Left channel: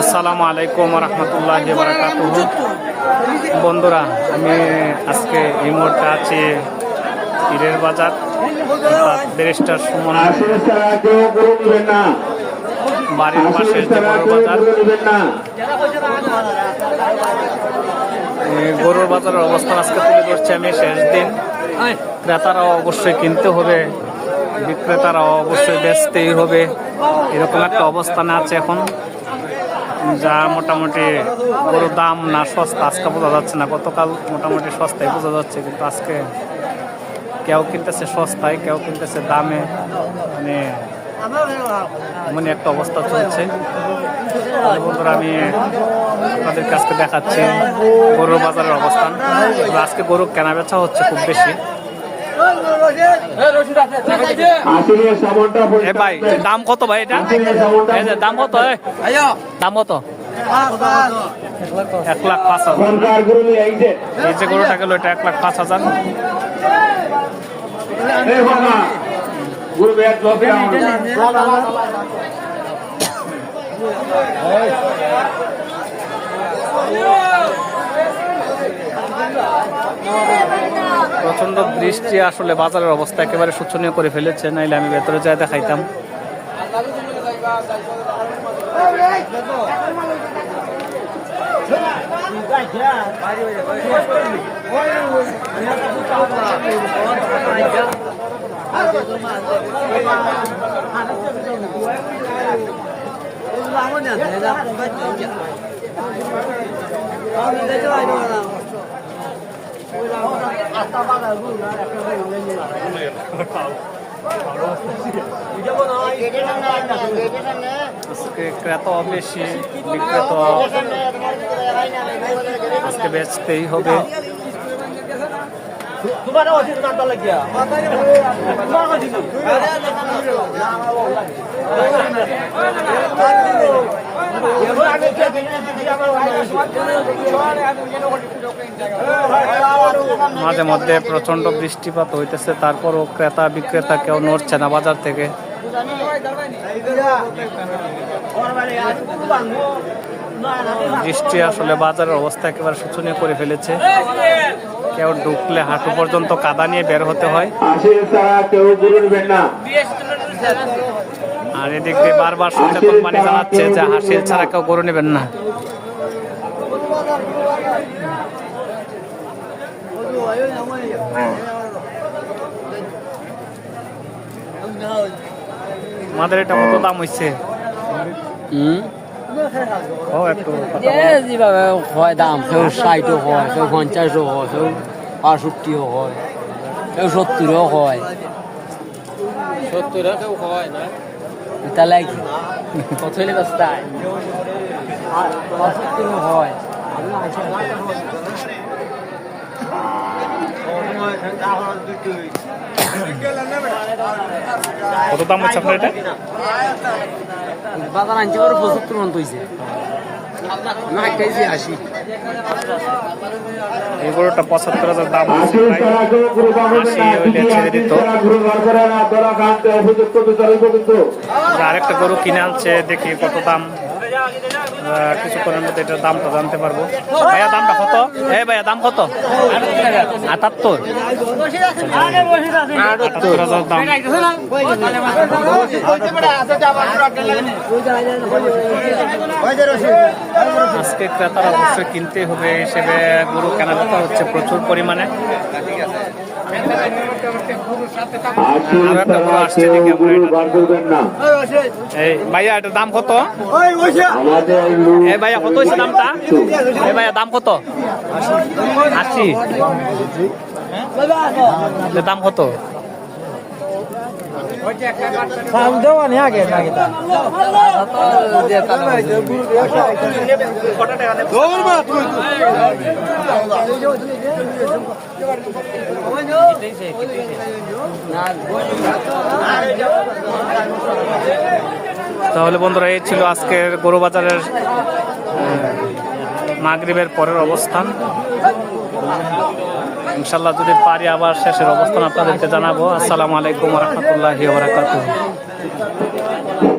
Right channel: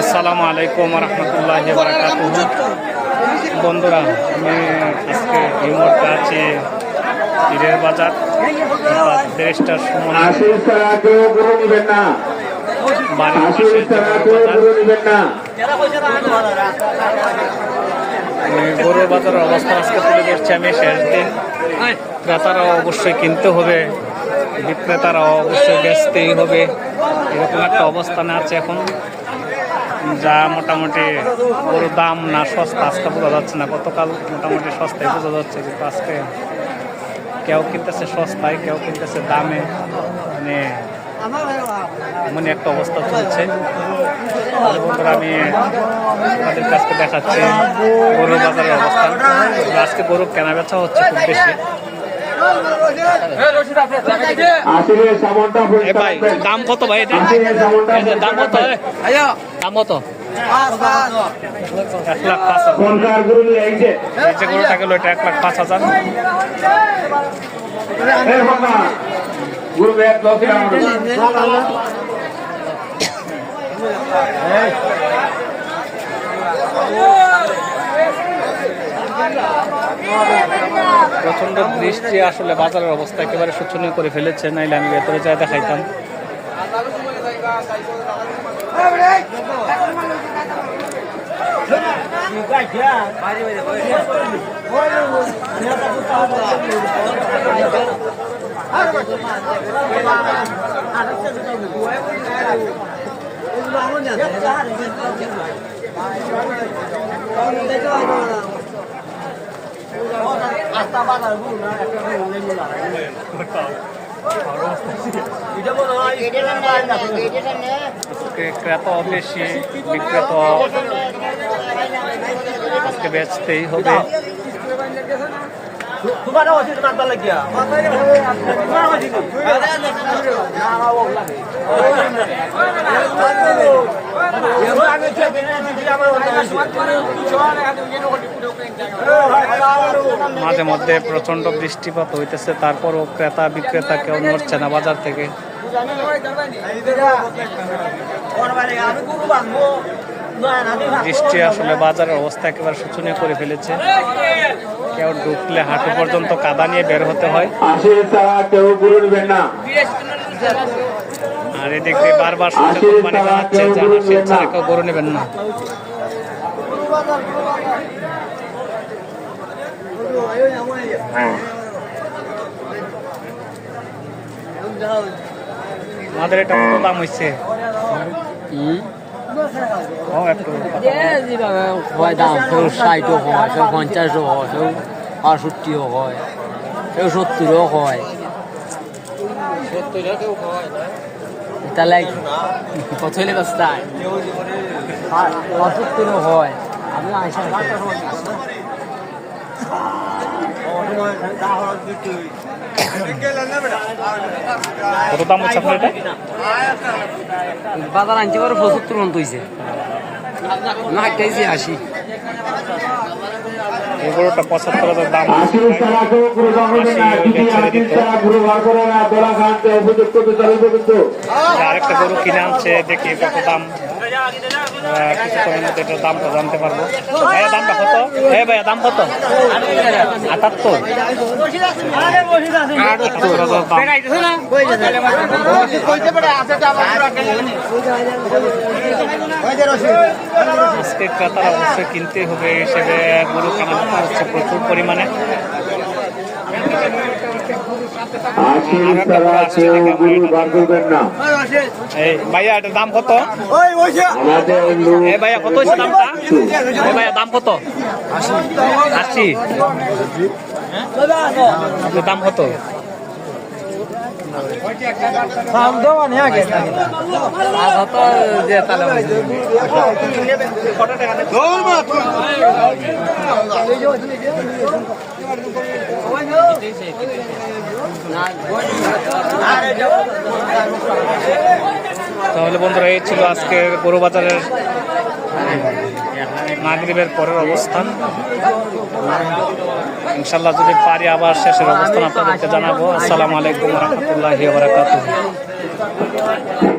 আসসালামু আলাইকুম রহমতুল্লাহ বারাকাত বন্ধুরা, আমি আজকে এই মুহূর্তে আছি পীরের বাজার ব্যারিস্টার সুমন। বাড়ির পাশে যে বড় বাজার গরুর বাজারের অবস্থা আজকে তুলে ধরছি আমি শেষ দিন। ক্রেতারাও অবশ্যই কিনতে হবে, বিক্রেতারাও অবশ্যই বেচতেই হবে। এরকম একটা অবস্থানে আছে এখন। যা মোটামুটি গরুর দাম না সস্তা, আজকে বোঝা যাচ্ছে না। গতকাল মোটামুটি সস্তায় বোঝা যাচ্ছে, কিন্তু আজকে কেউ কিনতেছে সস্তায়, কেউ কিনতেছে দামে। মানে এমনই একটা অবস্থা চলছে। বন্ধুরা, আমি আপনাদের কাছকে দেখাচ্ছি গরুর বাজারের অবস্থান। আজকে গরু কেনা বেচা হচ্ছে খুব বেশি। ভাই দাম কত ভাই এটা? দাম কত দাম কত? এক লাখ পাঁচ হাজার। গরুটা গেল এটা এক লাখ পাঁচ হাজার এই। প্রচণ্ড বৃষ্টি আসলে বাজারের অবস্থা একেবারে শোচনীয় করে ফেলেছে নাইলে আমি ভেতরে যা দেখাইতাম। আজকে ক্রেতা বেশি বিক্রেতা। আজকে বেচতেই হবে। মাঝে মধ্যে প্রচণ্ড বৃষ্টিপাত হইতেছে, তারপরও ক্রেতা বিক্রেতা কেউ নড়ছে না বাজার থেকে। বৃষ্টি আসলে বাজারের অবস্থা একেবারে শোচনীয় করে ফেলেছে। কেউ ঢুকলে হাঁটু পর্যন্ত কাদা নিয়ে বের হতে হয়। আশিস ছাড়া কেউ গরু নিবেন না। আর এদিক দিয়ে বারবার সচেতন মানে জানাচ্ছে যে হাসিল ছাড়া কেউ গরু নেবেন না। আমাদের এটা কত দাম কথা বলো। হয় দাম কেউ হয় কেউ পঞ্চাশও হয় কেউ বাষট্টিও হয় কেউ হয় লাইক বাষট্টিও হয় কত দাম হচ্ছে আপনার এটা বাজার আনতে পারে পঁচাত্তর মন তৈছে একটাই যে আসি এই গরুটা পঁচাত্তর হাজার দাম। ছাড়া দিত। আরেকটা গরু কিনে আনছে দেখি কত দাম কিছুক্ষণের মধ্যে এটার দামটা জানতে পারব। ভাইয়া, দামটা কত? এ ভাইয়া, দাম কত? আটাত্তর। আজকে ক্রেতারা অবশ্যই কিনতে হবে, হিসেবে গরু কেনা হচ্ছে প্রচুর পরিমাণে। ভাইয়া এটার দাম কত? এ ভাইয়া কত হয়েছে দামটা? এ ভাইয়া দাম কত? আশি। দাম কত? যে তাহলে তাহলে বন্ধুরা এই ছিল আজকের গরু বাজারের মাগরিবের পরের অবস্থান। ইনশাল্লাহ যদি পারি আবার শেষের অবস্থান আপনাদেরকে জানাব। আসসালামু আলাইকুম রহমতুল্লাহ বারাকাতুহ।